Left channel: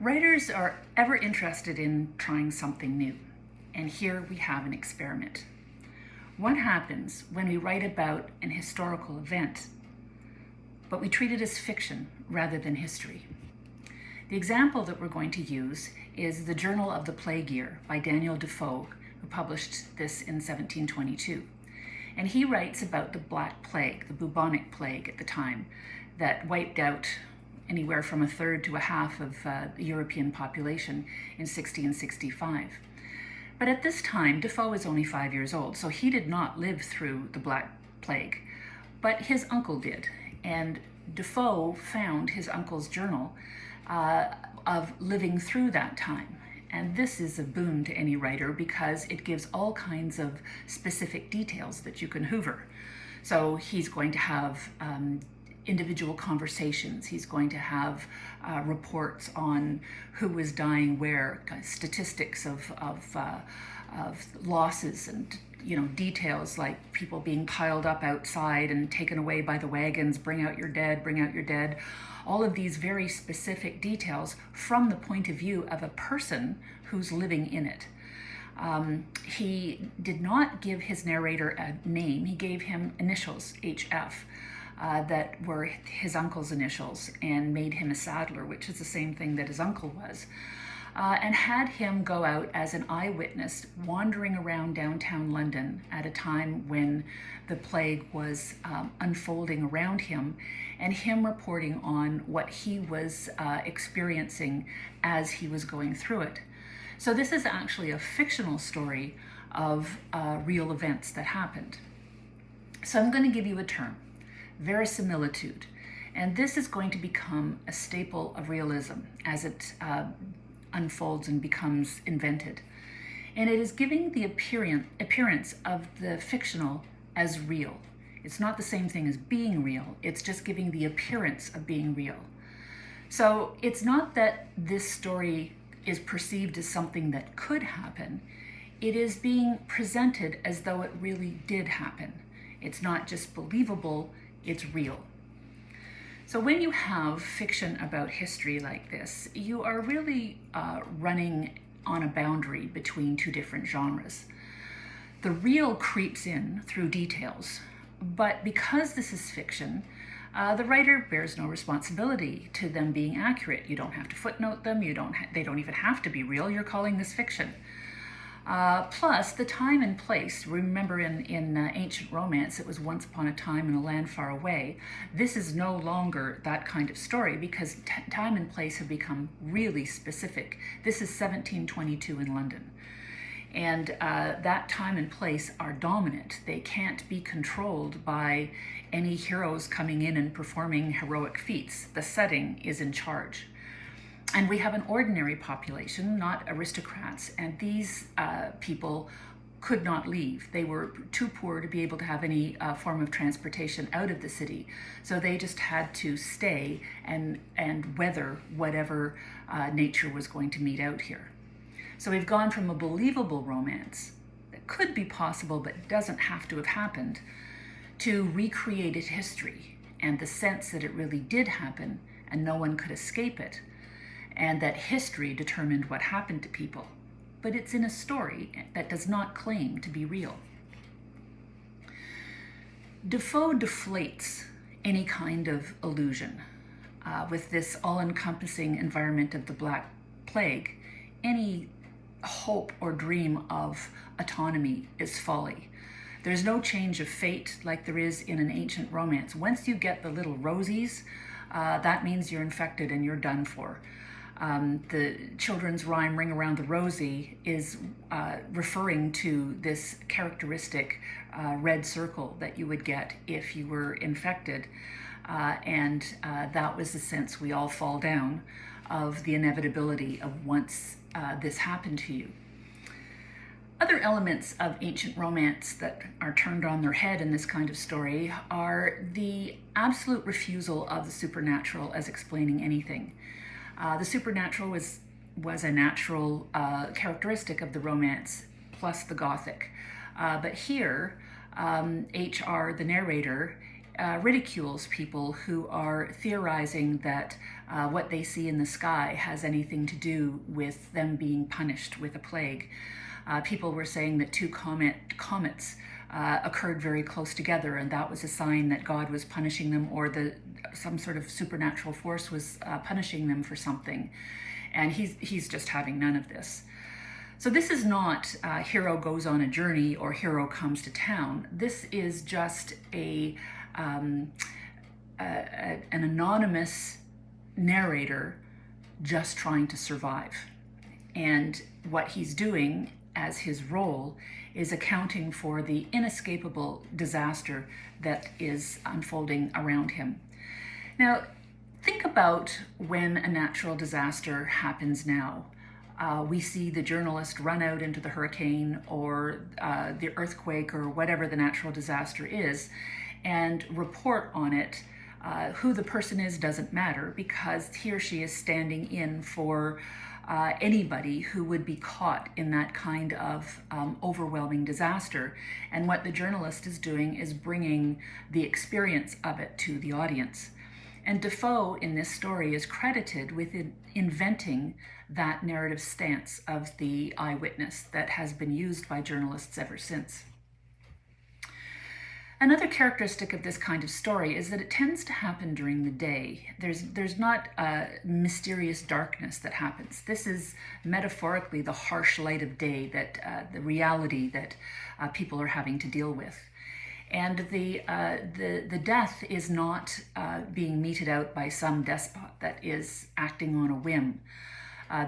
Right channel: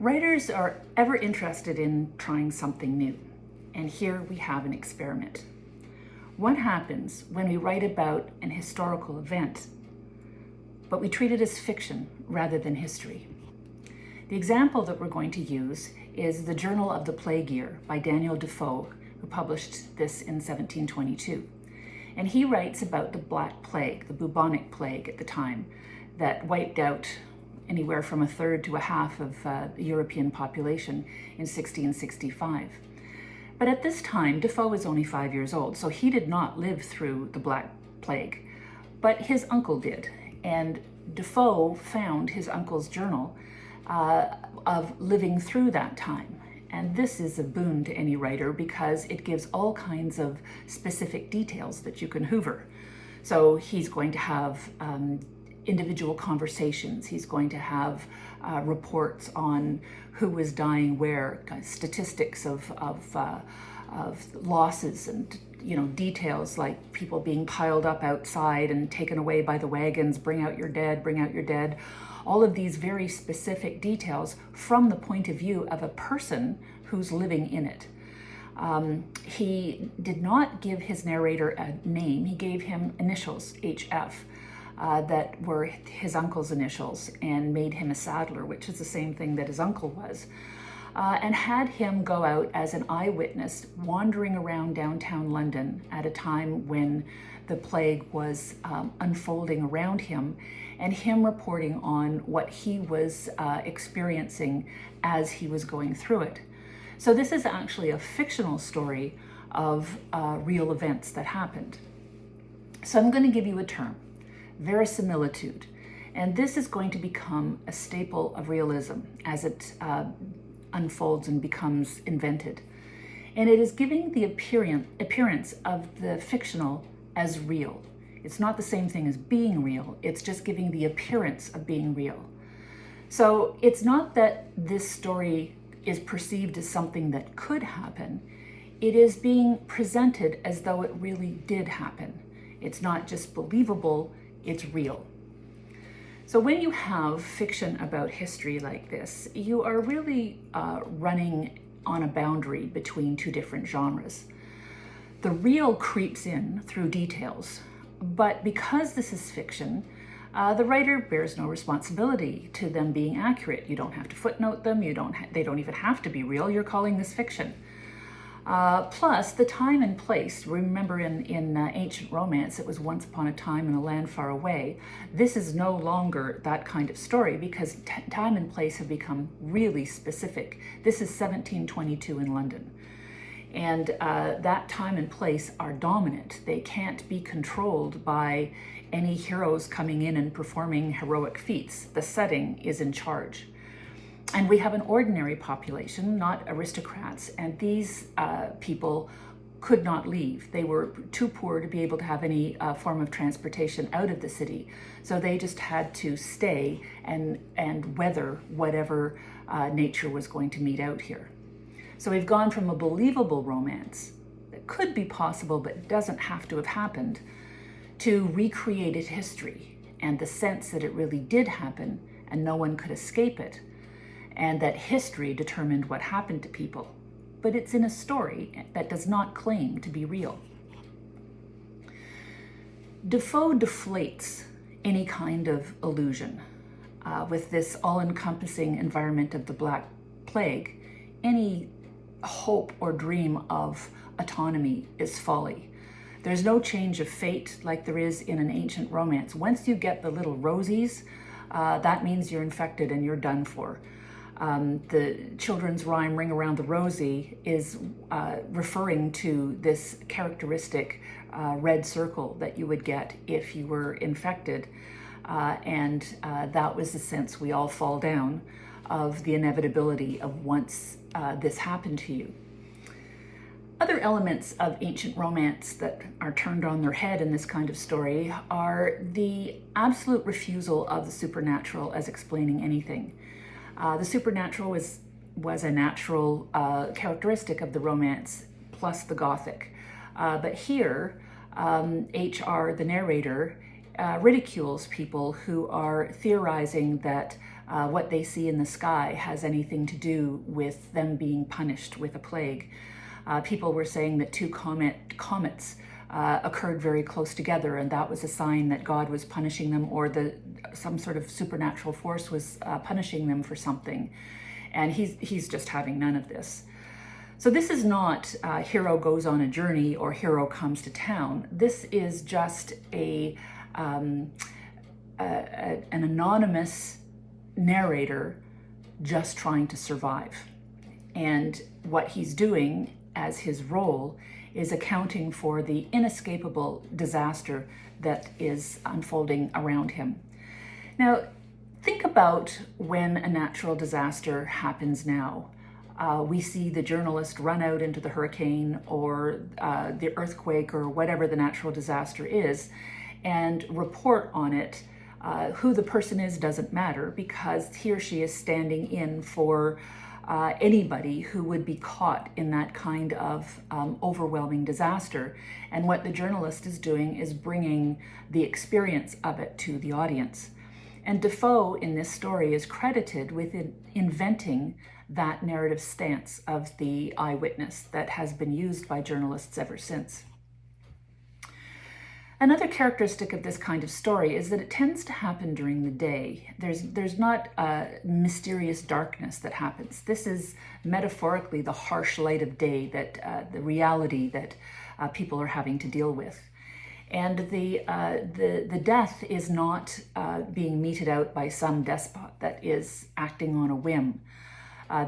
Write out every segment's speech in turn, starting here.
Writers are ever interested in trying something new, and here we have an experiment. What happens when we write about an historical event, but we treat it as fiction rather than history? The example that we're going to use is The Journal of the Plague Year by Daniel Defoe, who published this in 1722. And he writes about the Black Plague, the bubonic plague at the time, that wiped out anywhere from a third to a half of the European population in 1665. But at this time, Defoe was only 5 years old, so he did not live through the Black Plague, but his uncle did. And Defoe found his uncle's journal of living through that time. And this is a boon to any writer because it gives all kinds of specific details that you can hoover. So he's going to have individual conversations. He's going to have reports on who was dying where, statistics of losses and details like people being piled up outside and taken away by the wagons, bring out your dead, bring out your dead. All of these very specific details from the point of view of a person who's living in it. He did not give his narrator a name. He gave him initials, HF. That were his uncle's initials, and made him a saddler, which is the same thing that his uncle was, and had him go out as an eyewitness wandering around downtown London at a time when the plague was unfolding around him, and him reporting on what he was experiencing as he was going through it. So this is actually a fictional story of real events that happened. So I'm going to give you a term: verisimilitude. And this is going to become a staple of realism as it unfolds and becomes invented. And it is giving the appearance of the fictional as real. It's not the same thing as being real, it's just giving the appearance of being real. So it's not that this story is perceived as something that could happen, it is being presented as though it really did happen. It's not just believable, it's real. So when you have fiction about history like this, you are really running on a boundary between two different genres. The real creeps in through details, but because this is fiction, the writer bears no responsibility to them being accurate. You don't have to footnote them, they don't even have to be real, you're calling this fiction. Plus, the time and place. Remember in ancient romance, it was once upon a time in a land far away. This is no longer that kind of story because time and place have become really specific. This is 1722 in London. And that time and place are dominant. They can't be controlled by any heroes coming in and performing heroic feats. The setting is in charge. And we have an ordinary population, not aristocrats, and these people could not leave. They were too poor to be able to have any form of transportation out of the city. So they just had to stay and weather whatever nature was going to meet out here. So we've gone from a believable romance that could be possible but doesn't have to have happened to recreated history and the sense that it really did happen and no one could escape it, and that history determined what happened to people, but it's in a story that does not claim to be real. Defoe deflates any kind of illusion. With this all-encompassing environment of the Black Plague, any hope or dream of autonomy is folly. There's no change of fate like there is in an ancient romance. Once you get the little rosies, that means you're infected and you're done for. The children's rhyme Ring Around the Rosie is referring to this characteristic red circle that you would get if you were infected. And that was the sense we all fall down of the inevitability of once this happened to you. Other elements of ancient romance that are turned on their head in this kind of story are the absolute refusal of the supernatural as explaining anything. The supernatural was a natural characteristic of the romance, plus the Gothic. But here, H.R., the narrator, ridicules people who are theorizing that what they see in the sky has anything to do with them being punished with a plague. People were saying that two comets occurred very close together, and that was a sign that God was punishing them, or some sort of supernatural force was punishing them for something. And he's just having none of this. So this is not hero goes on a journey or hero comes to town. This is just an anonymous narrator just trying to survive. And what he's doing as his role is accounting for the inescapable disaster that is unfolding around him. Now, think about when a natural disaster happens now. We see the journalist run out into the hurricane or the earthquake or whatever the natural disaster is and report on it. Who the person is doesn't matter, because he or she is standing in for anybody who would be caught in that kind of overwhelming disaster. And what the journalist is doing is bringing the experience of it to the audience. And Defoe in this story is credited with inventing that narrative stance of the eyewitness that has been used by journalists ever since. Another characteristic of this kind of story is that it tends to happen during the day. There's not a mysterious darkness that happens. This is metaphorically the harsh light of day, that the reality that people are having to deal with. And the death is not being meted out by some despot that is acting on a whim.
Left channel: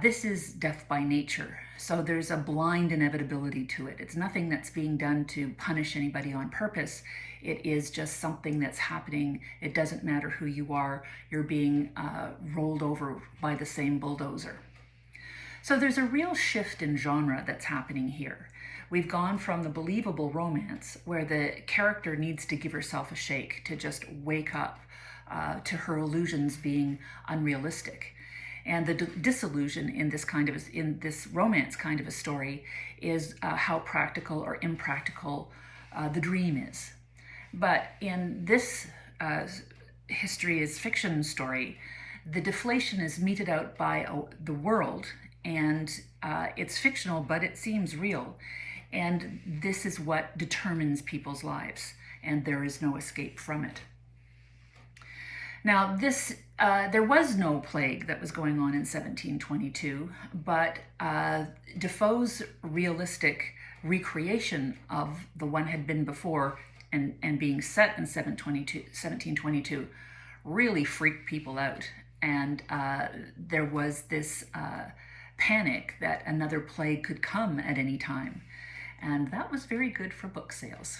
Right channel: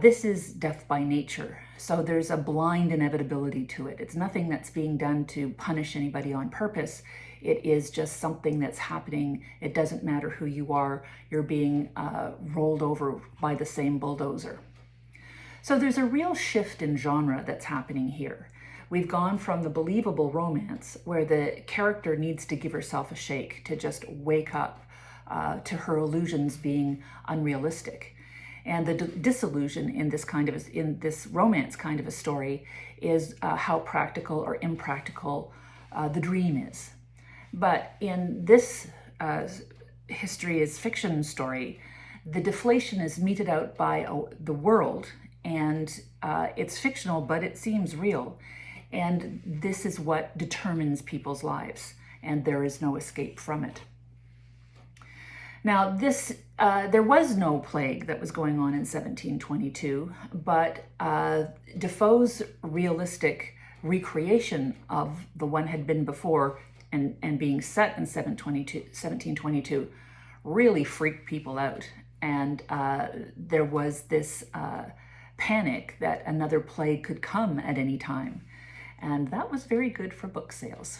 This is death by nature, so there's a blind inevitability to it. It's nothing that's being done to punish anybody on purpose. It is just something that's happening. It doesn't matter who you are. You're being rolled over by the same bulldozer. So there's a real shift in genre that's happening here. We've gone from the believable romance, where the character needs to give herself a shake to just wake up to her illusions being unrealistic. And the disillusion in this romance kind of a story is how practical or impractical the dream is. But in this history is fiction story, the deflation is meted out by the world, and it's fictional, but it seems real. And this is what determines people's lives, and there is no escape from it. Now, there was no plague that was going on in 1722, but Defoe's realistic recreation of the one had been before and being set in 1722 really freaked people out. And there was this panic that another plague could come at any time. And that was very good for book sales.